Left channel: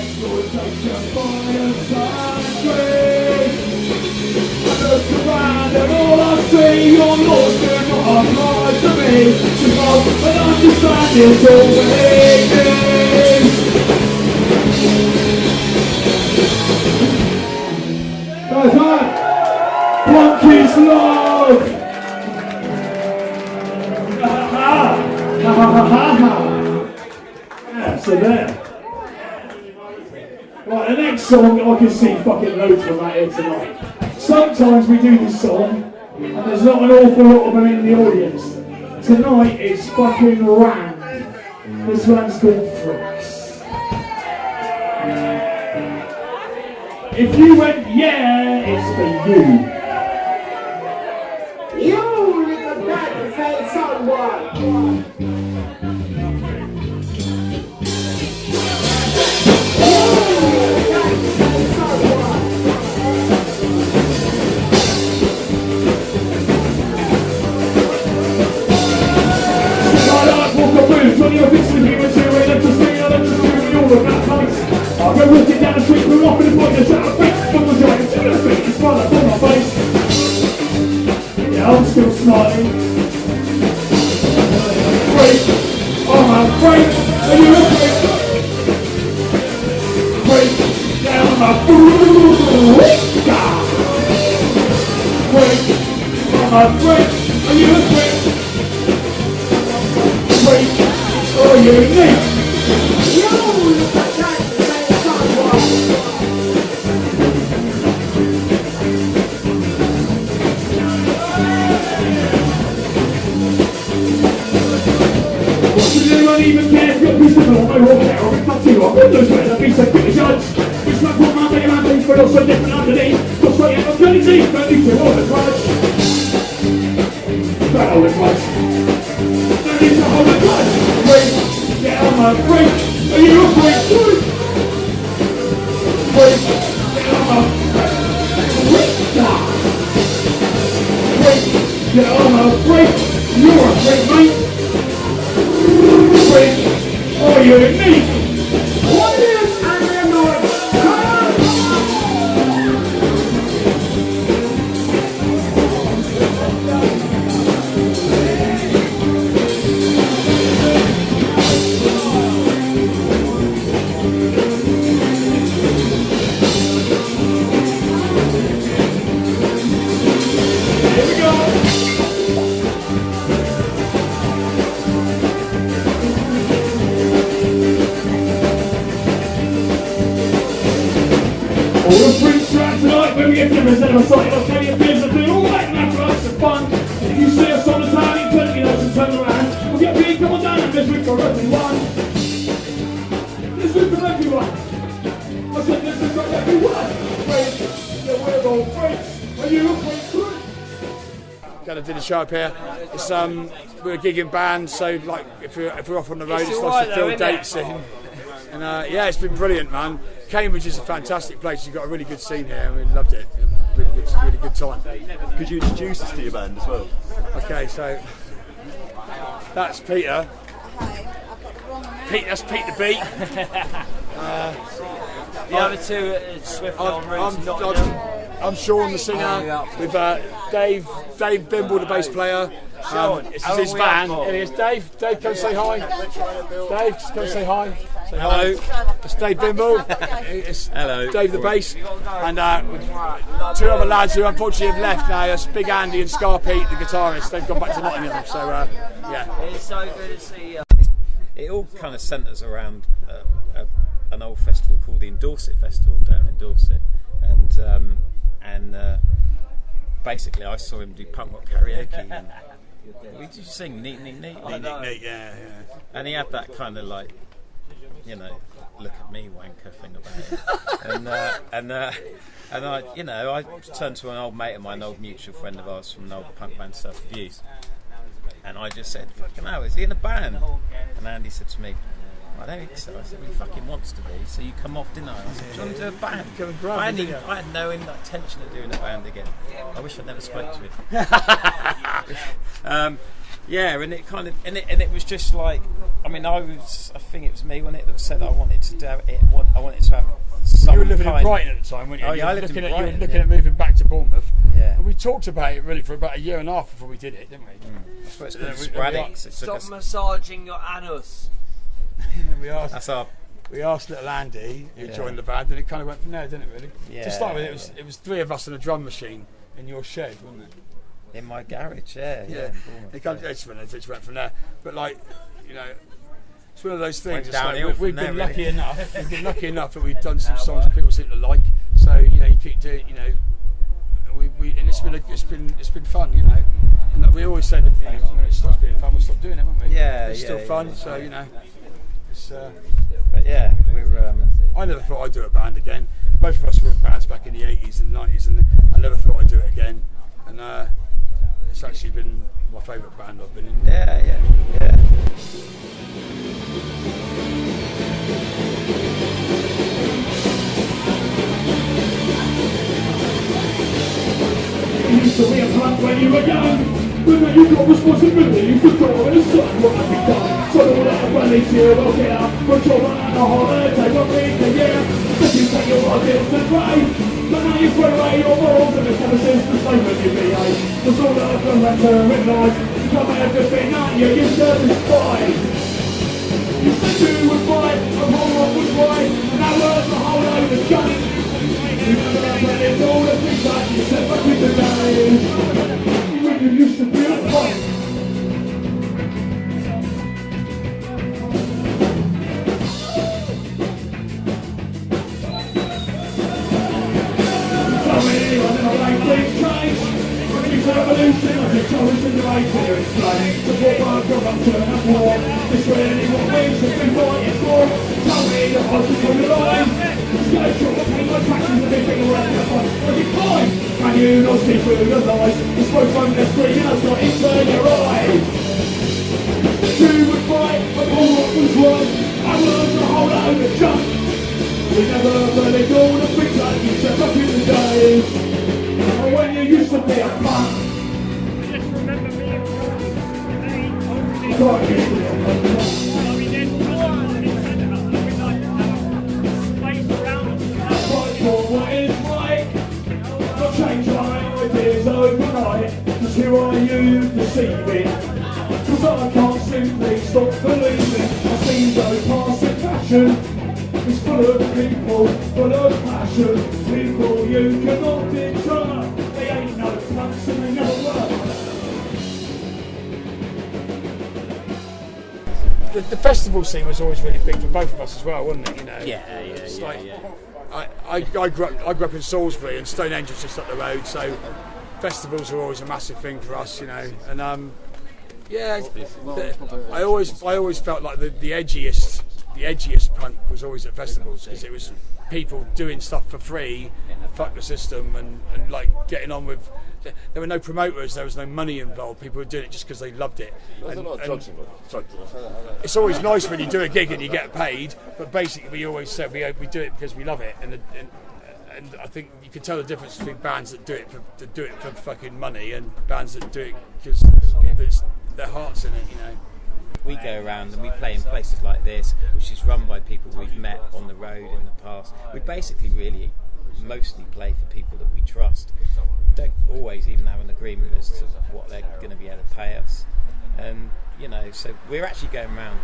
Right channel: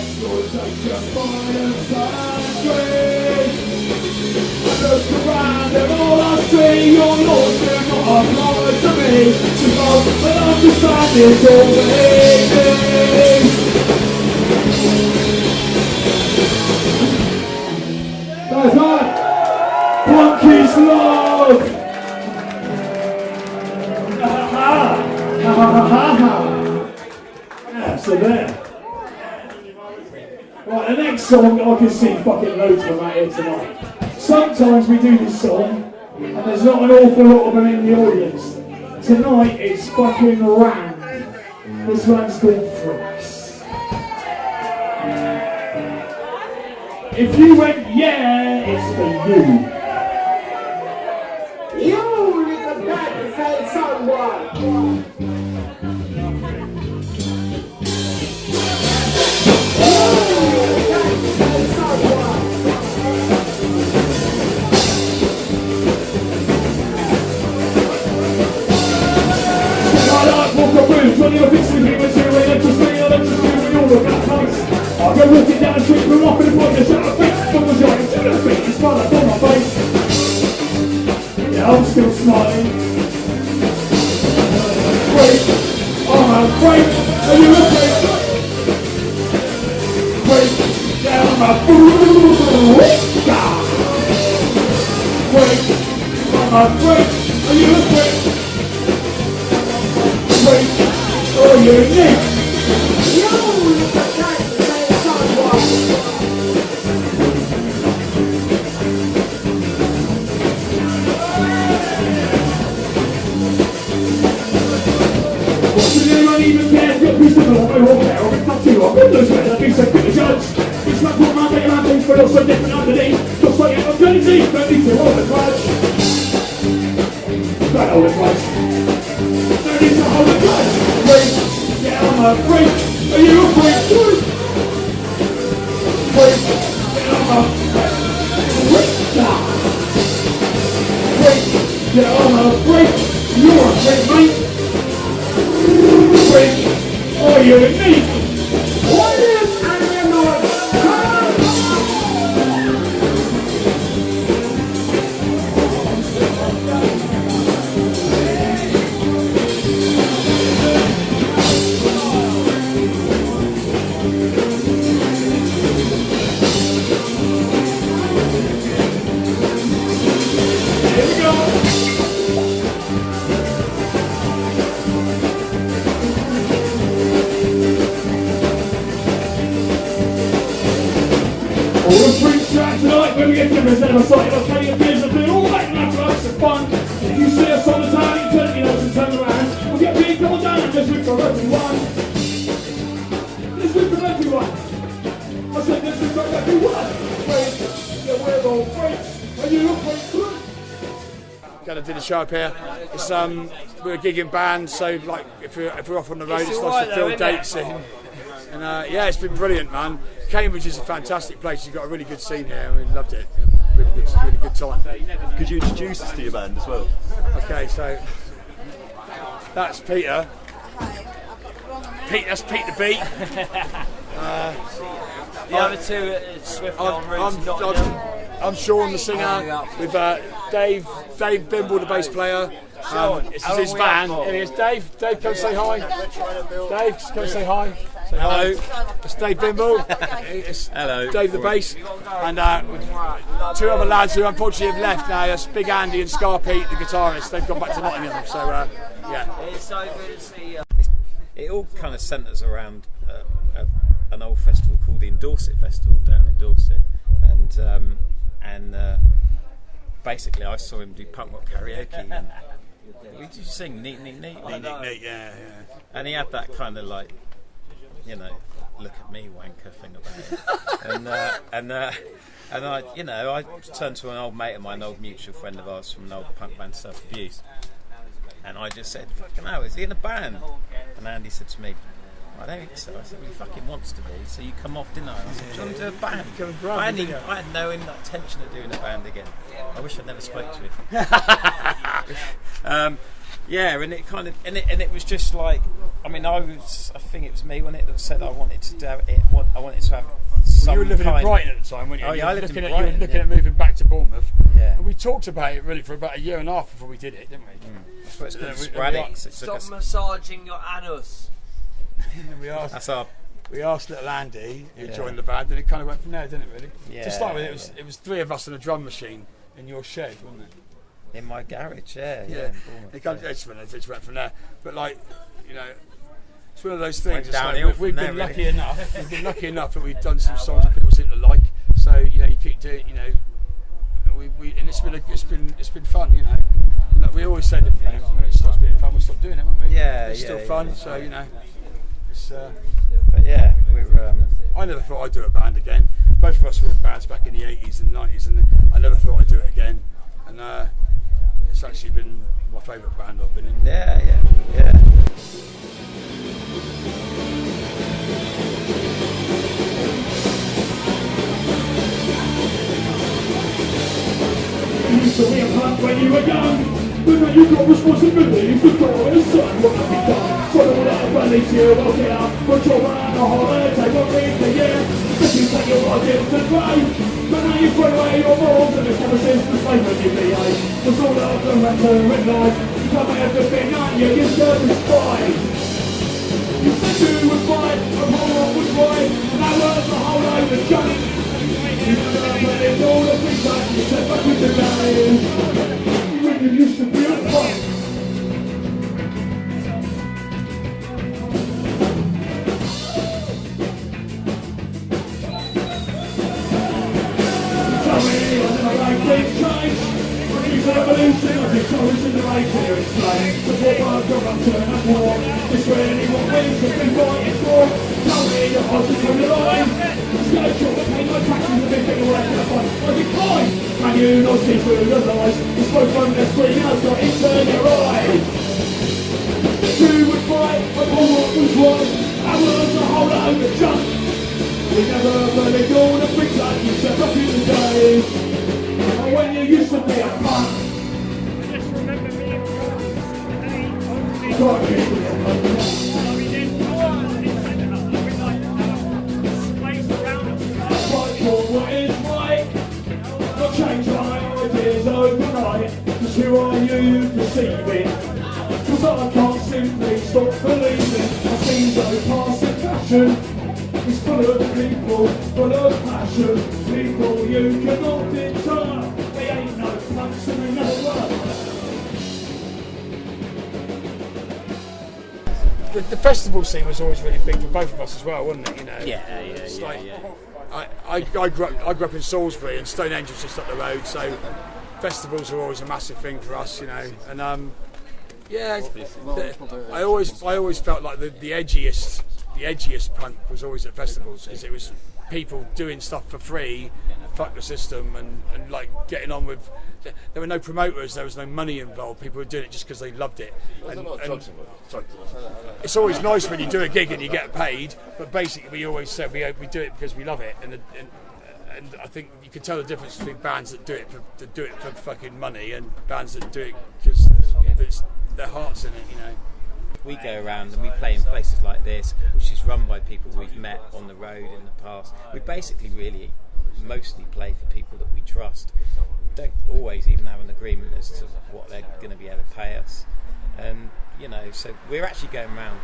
Exploitation by a science. I look around and all I see, your laws do not apply to me, because I understand it's all waiting. Guys, man, punk is love. Yeah, so there. Right, the next song, I can see fucking loads of them out here tonight. Sometimes we do this song, and there's not an awful lot of them in the audience. Tonight, it's fucking rammed. This one's called Freaks. If you went, yeah, it's for you. You little bad say someone. When you're fixing me with your electricity, I'll let you see when you're that place. I'll go walking down the street, we're off in the point, shout a bitch, from the giant to the feet, it's fun up on my face. Yeah, I'm still smiling. Freak, I'm a freak, are you a freak? Freak, yeah, I'm a freak. Freak, I'm a freak, are you a freak? Freak. Oh, you're unique! You look like that say someone! What to do, I even care if you're a piece of law, or there, or if that's you, or good news, I'd be so quick to judge. It's like what man, but things, but also different underneath. Just like I'm really deep, don't need to hold the grudge. Don't hold the grudge. Don't need to hold the grudge. Yeah, I'm a freak. Are you a freak? Freak. Yeah, I'm a freak. Freak. Yeah, I'm a freak. You're a freak, mate. Freak. Oh, you're unique. What is anarcho-ska? All the freaks out tonight when we get to present a site of plenty of beers and doing all that matter of some fun. If you see us on the town, you turn your nose and turn around. We'll get big, come on down and let's root for everyone. Let's root for everyone. I said let's root for everyone. Freaks, yeah, we're all freaks. Are you a freak? Going to do the show up here. It's we're a gigging band, so like if we're off on the road, it's nice to fill dates in. And yeah, it's been brilliant, man. Cambridge is a fantastic place. You've got a really good scene here, and we loved it. Really good time. Could you introduce us to your band as well? Okay, so that's Peter. That's Pete the Beat. The other two are Swift on Roots and Nottingham. I'm Sean, the singer. With Dave Bimble, the bass player. This is his band. Here he is. Dave, come say hi. Dave, come say hi. Say hello. It's Dave Bimble. It's hello. Dave the bass. And two other lads who unfortunately have left now. It's Big Andy and Scar Pete, the guitarist. They've gone back to Nottingham. So yeah. It's so good to see you. It all kind of centres around an old festival called the Dorset Festival down in Dorset, and basically I saw him do punk rock karaoke. And did you sing Neat Neat Neat? Neat Neat Neat, yeah. And he had that kind of like, you know, look at me wanker thing about it. and I, you know, I turned to an old mate of mine, an old mutual friend of ours from an old punk band, Self Abuse, and I just said, fucking hell, is he in a band? And Andy said to me, I don't think so. I said, well, he fucking wants to be, so you come off, didn't I? And I said, do you want to do a band? I had no intention of doing a band again. I wish I'd never spoke to him. Yeah, and it kind of and it was just like, I mean, I think it was me when it said I wanted to do it. I wanted to have some. You were living in kind Brighton at the time, weren't you? Oh yeah, I lived in Brighton. You were looking at moving back to Bournemouth. Yeah. And we talked about it really for about a year and a half before we did it, didn't we? That's what it's called, Yeah, Sporadics. It took Stop us. massaging your anus. And we asked. That's our. We asked little Andy, who Yeah. joined the band, and it kind of went from there, didn't it? Really. Yeah, To start with, yeah. it was three of us and a drum machine in your shed, wasn't it? In my garage, yeah. in Bournemouth, It kind of, it just went from there. But like, you know, it's one of those things. Went It's like downhill we've from there, been lucky really. enough. We've been lucky enough that we've done some songs that people seem to like. So you know, you keep doing. You know, and it's been fun. You know, and like we always said, you know, when it stops being fun, we'll stop doing it, won't we? Yeah, It's yeah, still fun. yeah. So you know, it's. But yeah, we're. I never thought I'd do a band again. Both of us were in bands back in the 80s and 90s, and I never thought I'd do it again. And it's actually been my favourite band I've been in. Yeah. You used to be a punk when you were young, but now you've got responsibilities to go and decide what can be done. So all that rally to you, well get up, put your man on a holiday, one week a year. If you take your ideas to play, but now you throw away your balls and the promises to play when you behave. Cause all of the rhetoric in life, you come out everything on you, you satisfied. You said you would fight, and whole lot was right, and that was the whole load of junk. You never let it all the things that you said back in the day. When you used to be a punk. Tell me I never like things change. It's an evolution of your choice in the right to explain. The war corruption and war. It's really what wins has been fighting for. Tell me the horses from the line. Get your pain my taxes and everything away from the fight. But you fine. Can you not see through the lies? The smoke from the screen has got into your eyes. You would fight, but all what was right. I was a whole load of junk. We never really all the things that you said back in the days. And when you used to be a punk. God, you used to be a punk. Fight for what is right. Not change my ideas overnight. Cause who are you deceiving? Cause I can't simply stop believing. I see no passing fashion. It's full of people, full of passion. People you cannot deter. They ain't no punks and they never were. The festival scene was always really big for both of us as well, wasn't it? You know. Yeah. I grew up in Salisbury, and Stonehenge was just up the road, so festivals were always a massive thing for us, you know. And I always felt like the edgiest punk was always at festivals, because it was people doing stuff for free, fuck the system, and like getting on with. There were no promoters, there was no money involved. People were doing it just because they loved it. And it's always nice when you do a gig and you get paid, but basically we always said we do it because we love it. And I think you can tell the difference between bands that do it for fucking money and bands that do it because there's their heart's in it, you know. We go around and we play in places like this, which is run by people we've met on the road in the past. We basically really mostly play for people that we trust. Don't always even have an agreement as to what they're going to be able to pay us. And, you know, so we're actually going around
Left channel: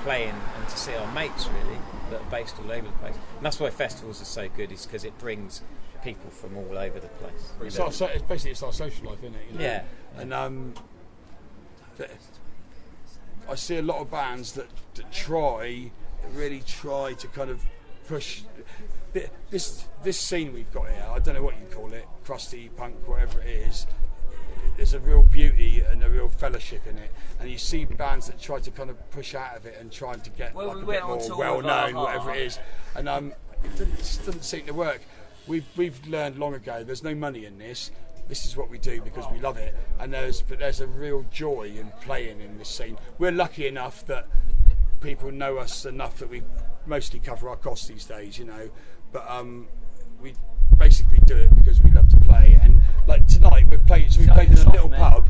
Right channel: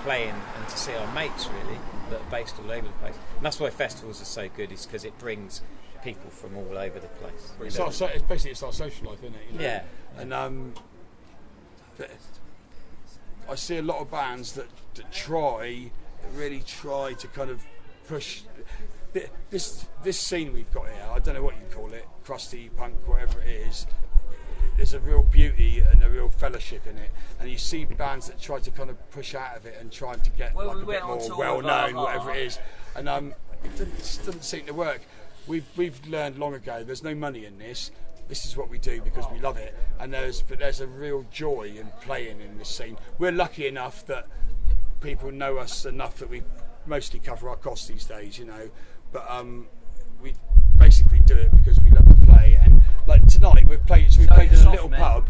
playing and to see our mates, really, that are based all over the place. And that's why festivals are so good, is because it brings people from all over the place. It's our social life, isn't it? You know? Yeah. And I see a lot of bands that really try to kind of push this scene we've got here. I don't know what you call it, crusty punk, whatever it is. There's a real beauty and a real fellowship in it, and you see bands that try to kind of push out of it and try to get like a bit more well-known, whatever it is, and it just doesn't seem to work. We've learned long ago there's no money in this. This is what we do because we love it, and there's a real joy in playing in this scene. We're lucky enough that people know us enough that we mostly cover our costs these days, you know. But we basically do it because we love to play. And like tonight, we played in a little pub.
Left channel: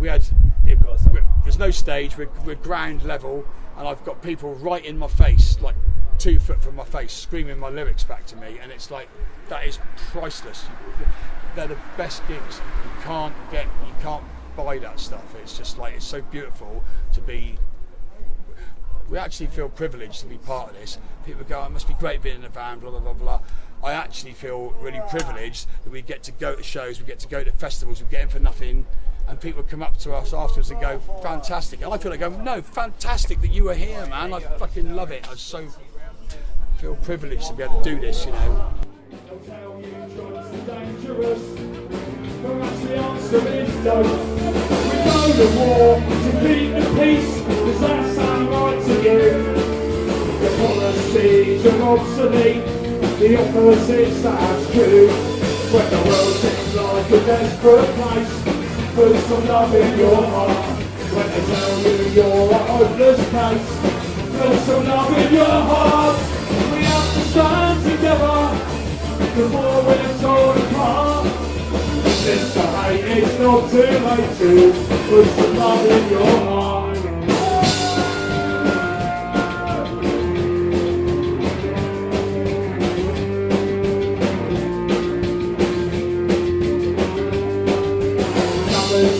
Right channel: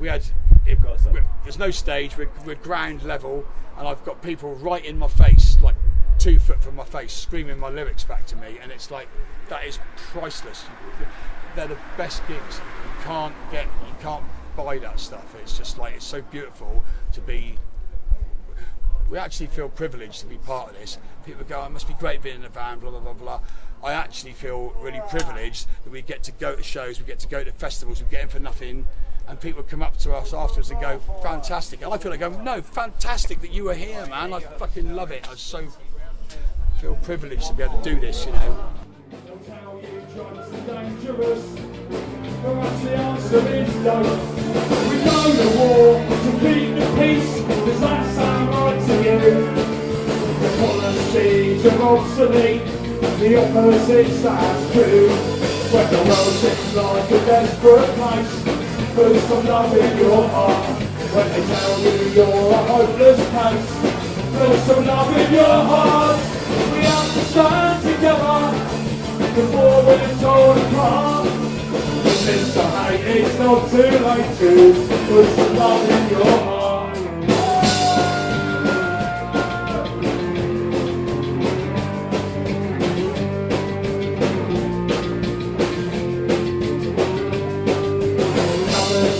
there's no stage. We're ground level, and I've got people right in my face, like 2 foot from my face, screaming my lyrics back to me, and it's like that is priceless. They're the best gigs. You can't buy that stuff. It's just like, it's so beautiful to be. We actually feel privileged to be part of this. People go, it must be great being in a band, blah blah blah blah. I actually feel really privileged that we get to go to shows, we get to go to festivals, we get in for nothing, and people come up to us afterwards and go, fantastic. And I feel like going, no, fantastic that you were here, man. I fucking love it. I feel privileged to be able to do this, you know. Perhaps the answer is no. We go to war to keep the peace. Does that sound right to you? The policies are obsolete. The opposite stands true. When the world seems like a desperate place, put some love in your heart. When they tell you you're a hopeless case, put some love in your heart. We have to stand together before we're torn apart. Since the hate, it's not too late to put some love in your heart.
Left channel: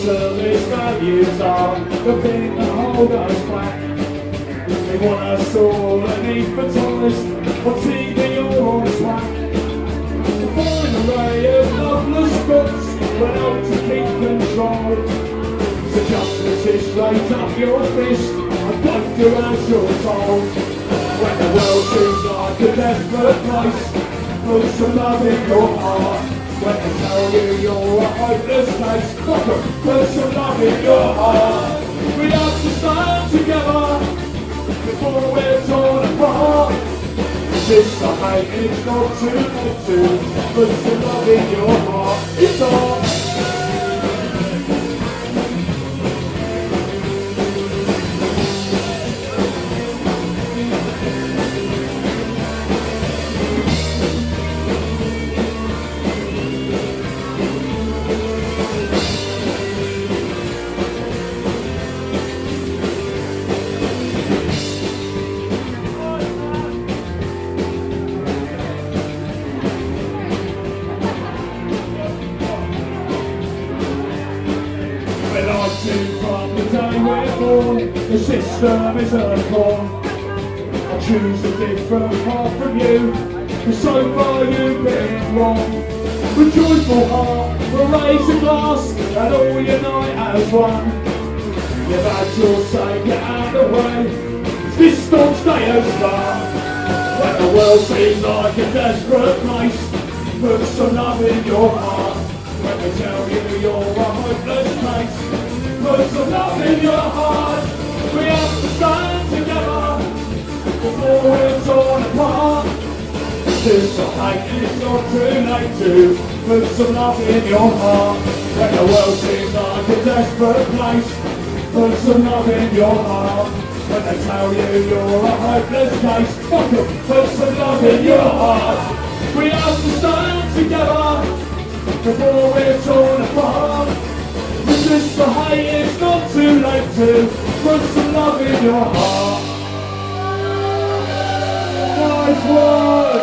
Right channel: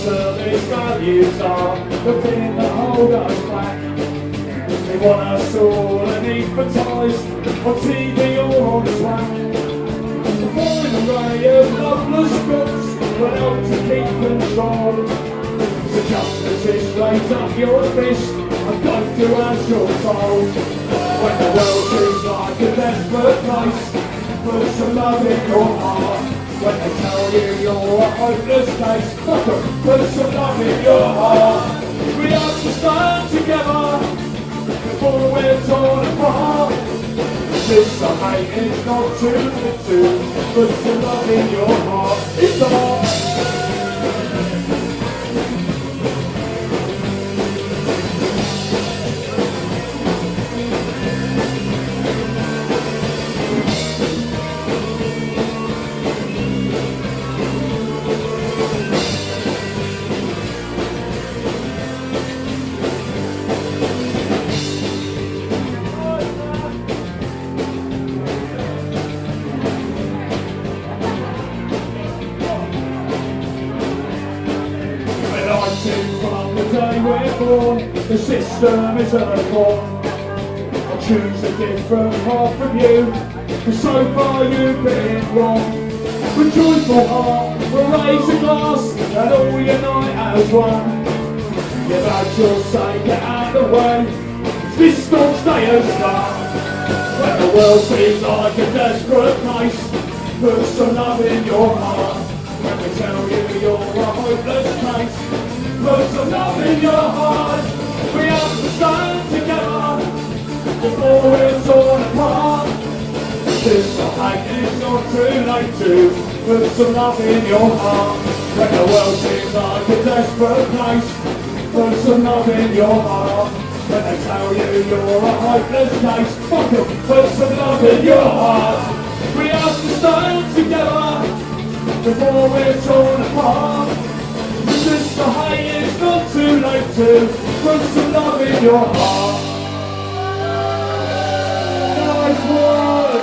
Service values are the thing that hold us back. They want us all anathematized on TV or on Slack. The fine array of loveless books will help to keep control. So justice is raise up your fist and don't do as you're told. When the world seems like a desperate place, put some love in your heart. When they tell you you're a hopeless case, put some love in your heart. We have to stand together before we're torn apart. Resist the hate, it's not too late to put some love in your heart. It's all. The system is a con. I choose a different path from you, but so far you've been wrong. With joyful heart, we'll raise a glass and all unite as one. You've had your say, get out of the way. This staunch day has start. When the world seems like a desperate place, put some love in your heart. When they tell you you're a hopeless case, put some love in your heart. We have to stand together before we're torn apart. This the hate, it's not too late to put some love in your heart. When the world seems like a desperate place, put some love in your heart. When they tell you you're a hopeless case, fuck em, put some love in your heart. We have to stand together before we're torn apart. Resist the hate, it's not too late to put some love in your heart. Nice work!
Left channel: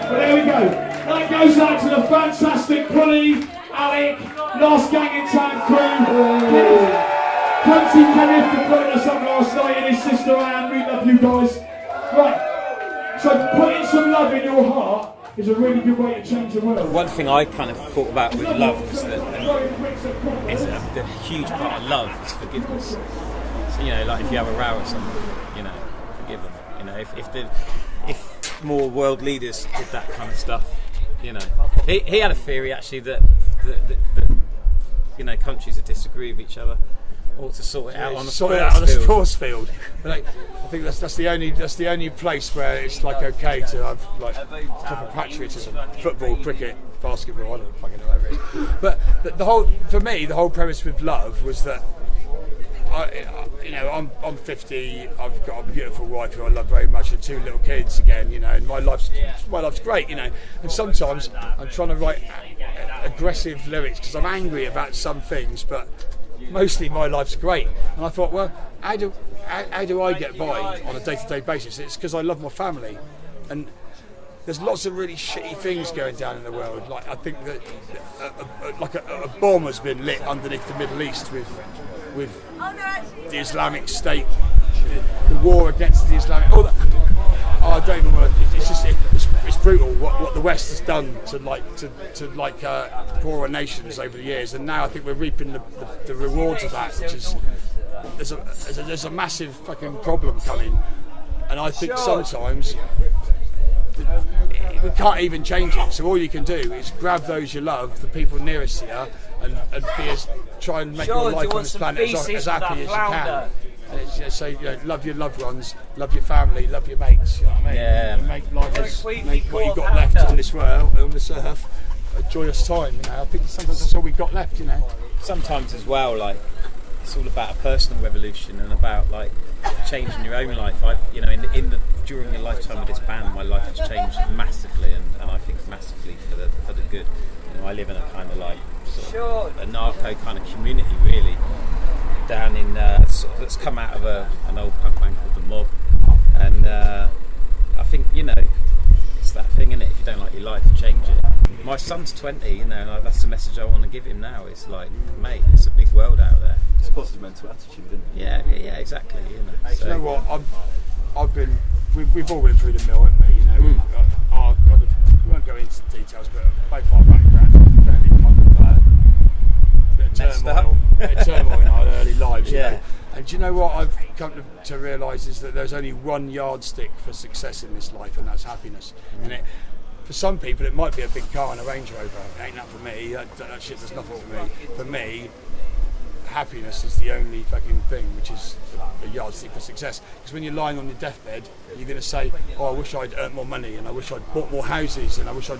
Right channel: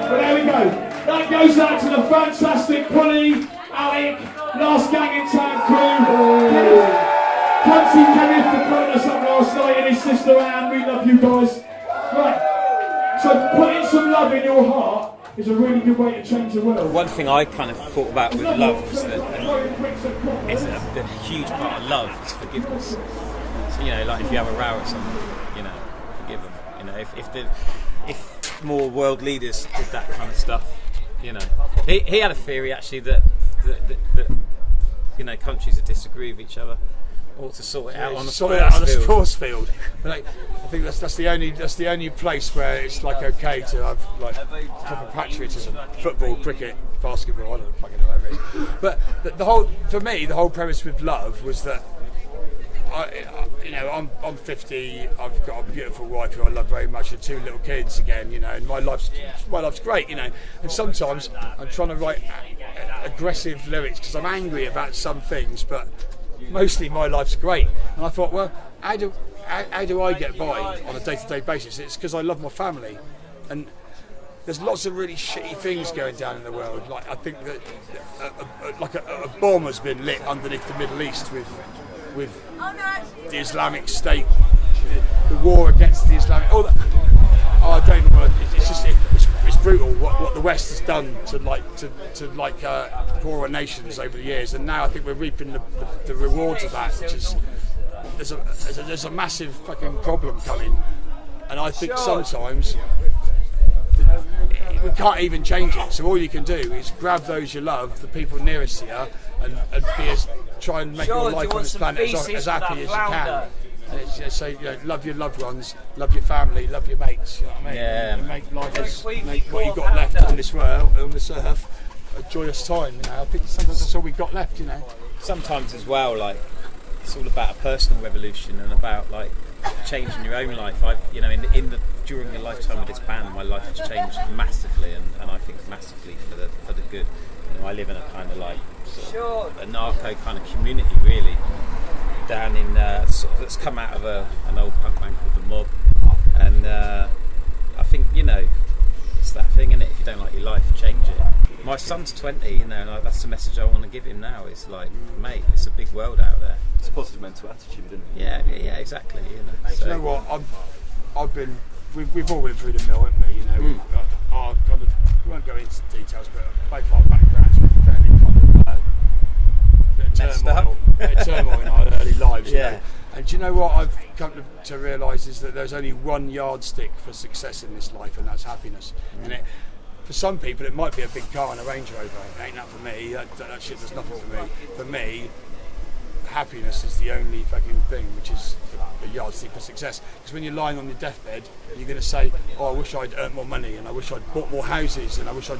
Well, there we go. That goes out to the fantastic Polly, Alec, last gang in town crew. Cunty Kenneth for putting us up last night, and his sister Anne. We love you guys. Right, so putting some love in your heart is a really good way to change the world. One thing I kind of thought about with love was that the huge part of love is forgiveness. So, you know, like if you have a row with someone, you know, forgive them. You know, if more world leaders did that kind of stuff, you know. He had a theory actually that you know, countries that disagree with each other ought to sort it out on a sports field. But like, I think that's the only place where it's like okay to have like proper patriotism. Football, cricket, basketball, I don't fucking know whatever it is. But the whole premise with love was that I'm 50. I've got a beautiful wife who I love very much, and 2 little kids again. And my life's great. And sometimes I'm trying to write aggressive lyrics because I'm angry about some things, but mostly my life's great. And I thought, well, how do I get by on a day-to-day basis? It's because I love my family, and there's lots of really shitty things going down in the world. Like I think that a bomb has been lit underneath the Middle East with the Islamic State, the war against the Islamic. I don't even want to. It's brutal what the West has done to poorer nations over the years, and now I think we're reaping the rewards of that. Which is there's a massive fucking problem coming, and I think sometimes we can't even change it. So all you can do is grab those you love, the people nearest to you, and try and make your life on this planet as happy as you can. And so love your loved ones, love your family, love your mates. You know what I mean? Yeah. And make life, make what you've got left on this world, on this earth, a joyous time. I think sometimes that's all we've got left. Sometimes as well, like it's all about a personal revolution and about like changing your own life. During the lifetime of this band, my life has changed massively, and I think massively for the good. I live in a kind of like sort of anarcho kind of community, really, down in that's come out of an old punk band called The Mob, and I think it's that thing, isn't it? If you don't like your life, change it. My son's 20, that's the message I want to give him now. It's like, mate, it's a big world out there. It's a positive mental attitude, isn't it? Yeah, exactly. So. You know what? We've all been through the mill, haven't we? Our kind of, we won't go into details, but both our backgrounds were fairly kind of bit of turmoil in our early lives. And do you know what I've come to realise is that there's only one yardstick for success in this life, and that's happiness. And for some people, it might be a big car and a Range Rover. It ain't that for me. That shit does nothing for me. For me, happiness is the only fucking thing which is a yardstick for success. Because when you're lying on your deathbed, you're going to say, I wish I'd earned more money, and I wish I'd bought more houses, and I wish I'd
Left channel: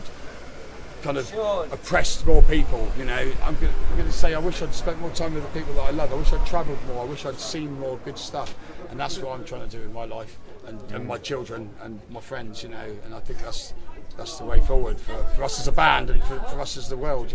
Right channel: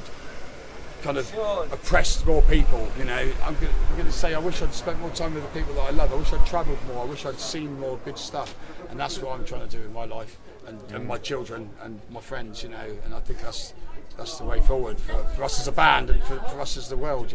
kind of oppressed more people. I'm going to say, I wish I'd spent more time with the people that I love. I wish I'd travelled more. I wish I'd seen more good stuff. And that's what I'm trying to do in my life, and my children and my friends. And I think that's the way forward for us as a band and for us as the world.